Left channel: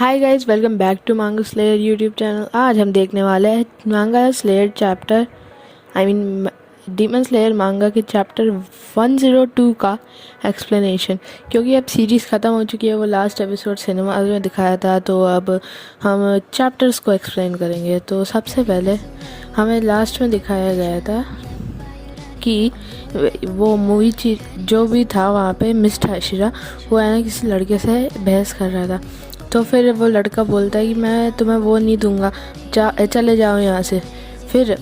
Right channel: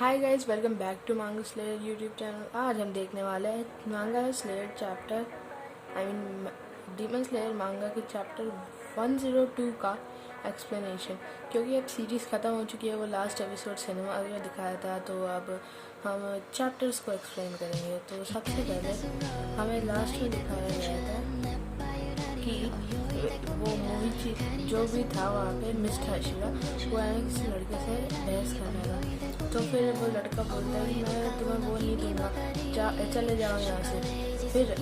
Hi guys, welcome back to manga slayer YouTube channel. आज हम देखने वाले हैं मांगा स्लेयर चैप्टर डीमन स्लेयर मांगा के चैप्टर 102 का एक्सप्लेनेशन। क्योंकि अब सीरीज़ ख़त्म हो चुकी है, वो लास्ट एपिसोड सिनेमा में दिखाया था, तो अब हम चैप्टर्स को एक्सप्लेन करेंगे। तो सबसे पहले हमें लास्ट में दिखाया गया था कि वो मूवी जो भी था वहाँ पे मिस्टर हशीरा वो है ना किसी लड़के से बहस कर रहा था। तो फिर वो लड़का बोलता है कि मैं तुम्हें वो नहीं दूंगा, चले जाओ यहाँ से। फिर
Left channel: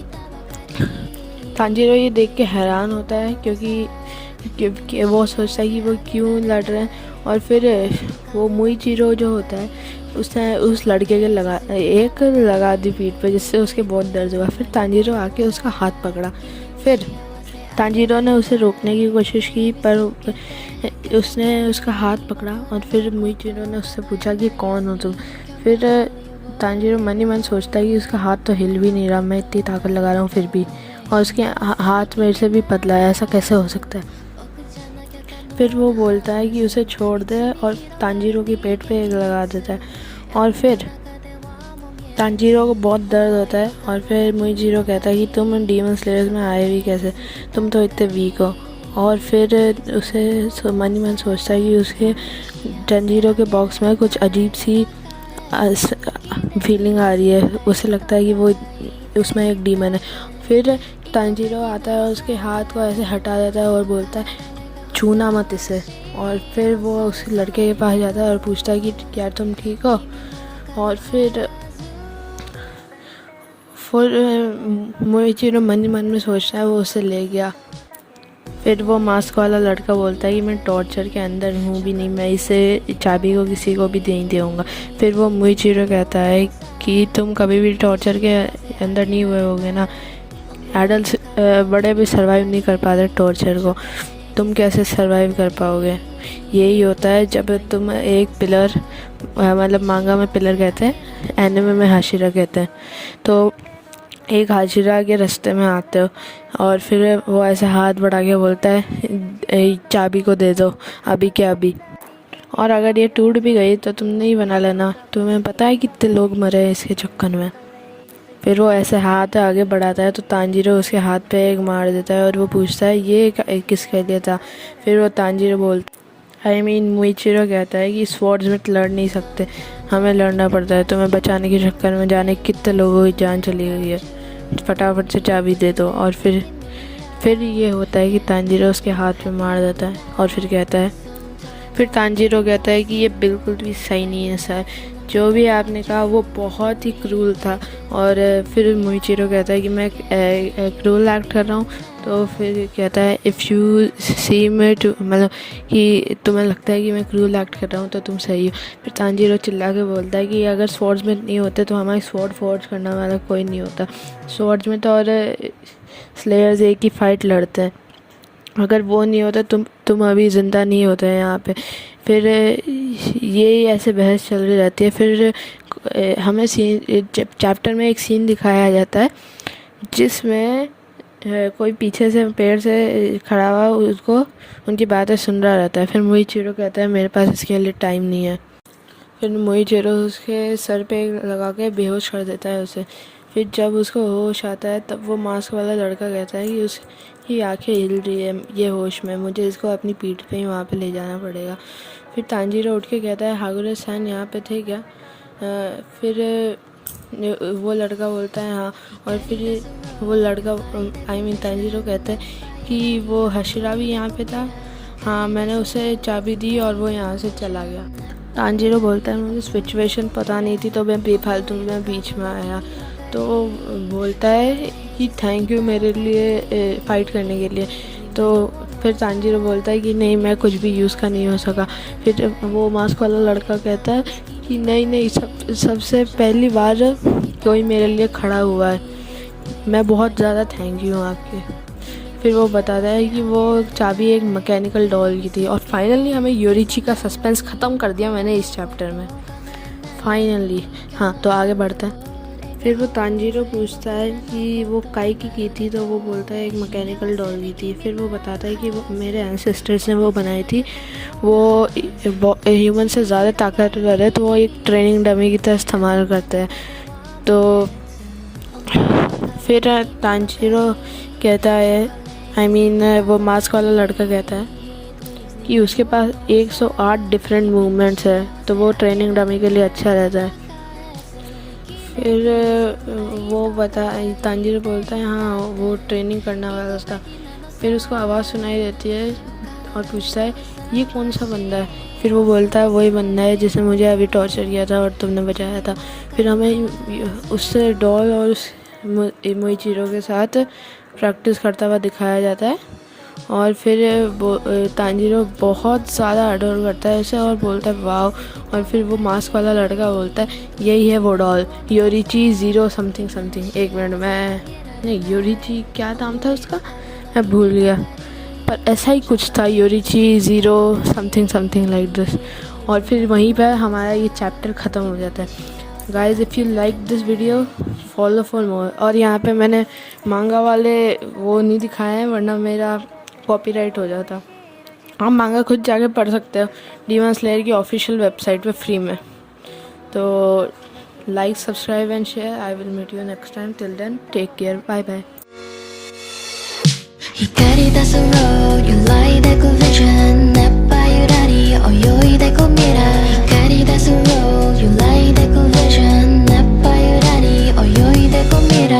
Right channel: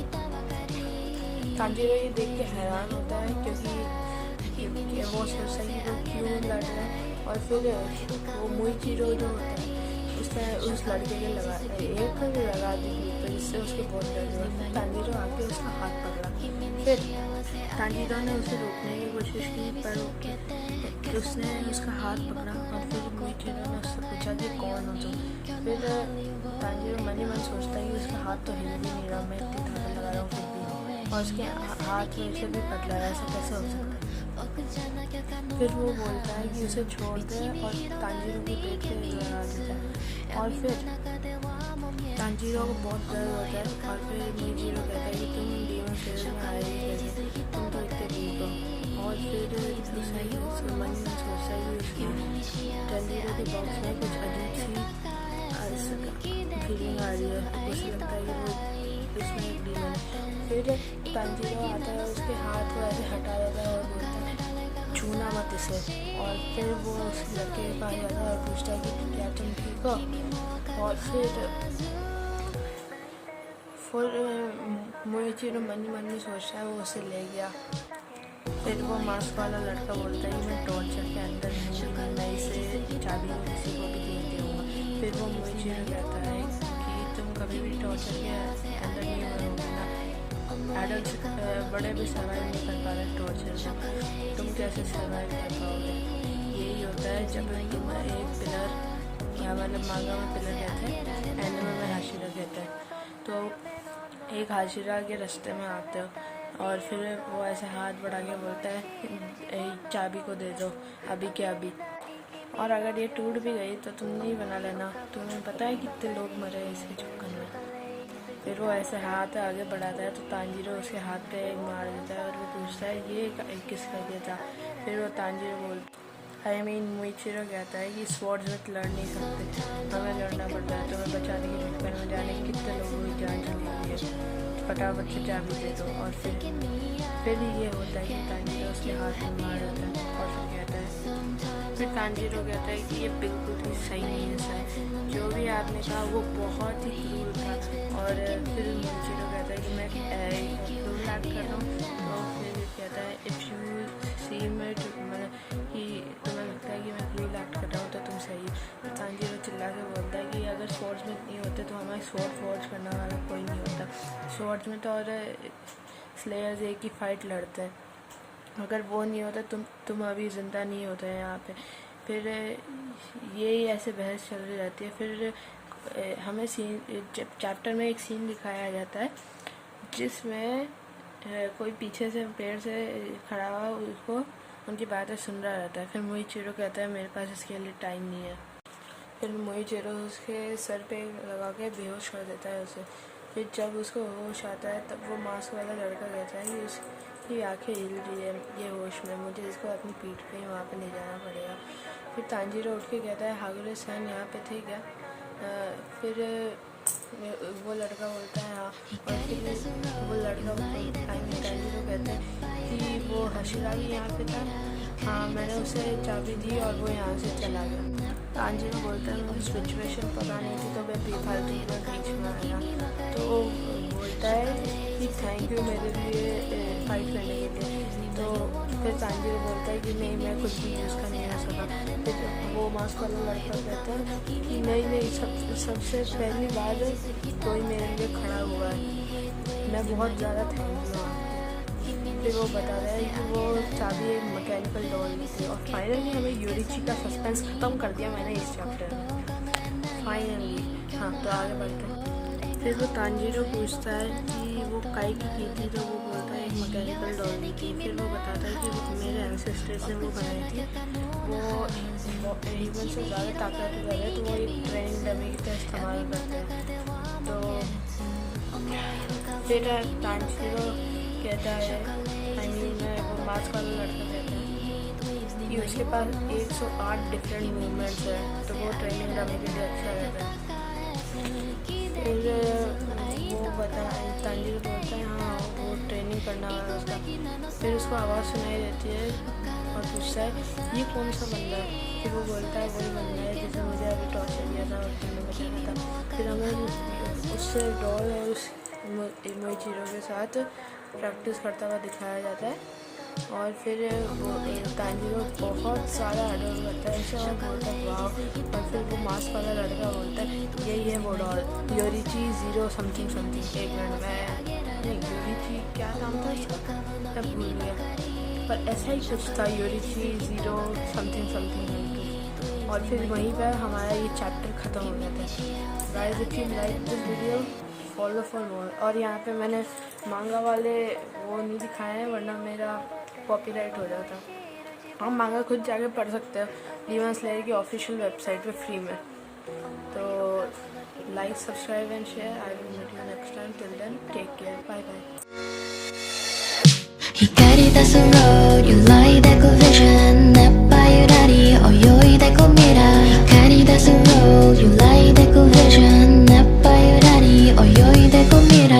तांजीरो ये देख के हैरान होता है क्योंकि वो सोचता है कि वो क्यों लड़ रहे हैं। और फिर वो मुइचिरो जो होता है उसने उस लड़के के लगा दी पीठ पे, जिससे उसके बहुत दर्द हुआ। फिर तांजीरो आके उसका हाथ पकड़ा। फिर तांजीरो ने उसे रोकने की कोशिश की, पर उसने उसका हाथ पकड़ा। और फिर मुइचिरो ने उससे पूछा कि कौन हो तुम। फिर तांजीरो मन ही मन सोचता है कि उसका हाथ तो हिल भी नहीं रहा, मैं इतनी ताकत लगा रहा हूँ फिर भी, और उसके हाथ मेरे से भी पतला है, ऐसा कैसे हो सकता है। फिर वो बोलता है कि उसे छोड़ दे और तांजीरो की पेट पे लगा देता है। और फिर तांजीरो को बहुत दर्द होता है। और फिर मुइचिरो कहता है कि तुम डीमन स्लेयर्स में आए भी कैसे, तुम तो इतने वीक हो। और फिर उसे मन ही मन सोचता है कि उसके तांजीरो के बॉक्स में कुछ अजीब सी फीलिंग आ रही है। उसे लगता है कि वो उसमें एक डीमन है। फिर तांजीरो आता है, उसके हाथ को ऐसे हटा देता है और बोलता है छूना मत इसे। और फिर वो उस लड़के के पास जाता है और पूछता है कि क्या तुम ठीक हो। और फिर मुइचिरो मन ही मन में सोचता है, वो उसे ले गया। फिर वो मास्क वाला लड़का बोलता है कि मैं टॉर्चर के अंदर हूँ भी नहीं, मैं इसे चाबी को किसी को भी नहीं दूँगा। फिर वो मुइचिरो कहता है कि तुम कभी भी टॉर्चर के अंदर नहीं हुए होगे ना, एडल्ट बड़े भी सर्वाइव नहीं कर पाते टॉर्चर को, तुम कैसे सर्वाइव कर पाओगे। यही होता है जब तुम एक पिलर मतलब मांगा में पिलर कहते हैं, एनिमे में हाशिरा कहते हैं। तो एक हाशिरा के रास्ते में आते हो और फिर वो ऐसे हाथ बढ़ा के बोलता है चाबी को दे दो अभी के अभी, और अगर ये टूट भी गई तो तुम नहीं बना लेना, तुम्हें पता है कितने लोग मरे हैं इसके चक्कर में। फिर वो ऐसे हाथ आगे बढ़ाता है तो तांजीरो उसके हाथ पे एक मार देता है और वो पूछता है ये किसके लिए था। फिर वो तांजीरो बोलता मुइचिरो कहता है कि स्वॉर्ड्स में लड़ नहीं सकते, हमें लड़ना पड़ता है, तुम्हें बचाने के चक्कर में जाने कितने लोगों की जान चली गई है, फटाफट से चाबी दे दो। और फिर ये होता है कि तांजीरो उसके हाथ पे मार देता है। और फिर तांजीरो कहता है कि ये बिल्कुल भी सही नहीं है सर, जो भी आपने कहा वो बहुत ही क्रूल था। और फिर मुइचिरो कहता है कि मैं क्रूल एक्ट कर रहा हूँ। तो फिर कहता है if you see me too, मतलब कि तुम्हें लगता है कि मैं क्रूल एक्ट कर रहा हूँ तो तुम सही हो। फिर तांजीरो चिल्ला के बोलता है कि अगर स्वॉर्ड्स में नहीं होते तो हमारी स्वॉर्ड फोर्ज करने वाला कोई नहीं होता, स्वॉर्ड्स में तो और स्लेयर्स एक ही फाइट लड़ते हैं, अगर वो नहीं होता तुम अभी ज़िंदा नहीं होते हैं यहाँ पे। फिर ये ऐसे बहस चल रही रहती है। फिर हमें चैप्टर में एक सीन दिखाया जाता है जिसमें कोई पीछे से पेड़ से खड़ा हुआ उसको उनकी बातें सुन रहा रहता है। फिर मुइचिरो कहता है मेरे पास इसके लिए टाइम नहीं है। फिर मुइचिरो उसके सर पे लगा के बेहोश कर देता है उसे। फिर जब उसको होश आता है तब वो मास्क वाला लड़का कहता है कि उसकी आंखें हिल रही है ये होश में, मुझे इसको अपनी पीठ पे ही वहाँ पे ले जाना पड़ेगा। फिर तांजीरो उठ के कहता है हागुरे सान यहाँ पे थे क्या। फिर वो लड़का बोलता है हाँ। और फिर वो लड़का तांजीरो कहता है कि वो हशीरा भी यहाँ पे था, हाँ मैंने उसे चाबी दी और वो यहाँ से चला गया। तांजीरो बोलता है मुझे सिचुएशन पता नहीं थी तो मैं बेफालतू में बीच में आया। तो बोलता है कि थैंक यू मेरे लिए फ़ाइट करने के लिए। तो फिर तांजीरो बोलता है कि नहीं मैं कुछ भी यूज़ का नहीं हो सका। फिर वो मास्क वाला लड़का कहता है कि नहीं सबसे पहली बार कोई मेरे लिए खड़ा हुआ है, मैं बहुत ज़्यादा थैंक यू आपके। फिर वो बताता है कि वो चाबी एक मैकेनिकल डॉल की थी। और फाइनली हमें योरिची का सस्पेंस ख़त्म कर दिया मैंने इस चैप्टर में, फाइनली। हाँ तो आगे बढ़ते हैं। फिर वो तांजीरो पूछता है कि वो काई की थी, तो वो बोलता है एक मैकेनिकल डॉल की थी। फिर वो बताता है कि वो मेरे एंसेस्टर्स ने वो बनाई थी, वो ह्यूमन से ज़्यादा ताकतवर है, तो वो एक ट्रेनिंग डमी की तरह इस्तेमाल करते हैं। तो फिर तांजीरो कहता है, वो मास्क वाला लड़का कहता है कि उसके पास 108 डिफरेंट मूवमेंट्स है, तो वो ट्रेनिंग डमी के लिए अच्छा रहता है। फिर तांजीरो बोलता है हाँ वो ट्रेनिंग करने वाला था। फिर उसको आवाज़ सुनाई देती है और पूछता है ये कौन सा बंदा है। फिर वो बोलता है वही बंदा है जिसने मुझे अभी टॉर्चर किया था और तुमने बचाया था। फिर हमें उससे डॉल और उस मोइचिरो के साथ प्रैक्टिस करता हुआ दिखाया जाता है। और फिर तांजीरो बहुत ज़्यादा अडोर करता है उसे और बोलता है वाव। और फिर वो मास्क वाला लड़का बोलता है यही है वो डॉल, योरिची 0 समथिंग समथिंग। एक मिनट नहीं, योरिची क्या नाम था उसका, मैं भूल गया, पर ऐसा ही कुछ था, Yoriichi 0 something something like this. और फिर वहीं पर हमारा ये चैप्टर ख़त्म हो जाता है। Guys if you like this video follow for more. और यहाँ पे मैंने मांगा वाले वो नहीं दिखाए हैं, वरना मेरा कॉपीराइट हो जाता। आप मांगा खुद जाके पढ़ सकते हो डीमन स्लेयर की ऑफिशियल वेबसाइट पे फ्री में। तो like, subscribe and share. I will meet you next time. Till then take care, bye bye. 光出す road 揺らいでく vision 熱波ゆらり泳いでく未来光出す road 揺らいでく vision 熱波ゆらり泳いでく未来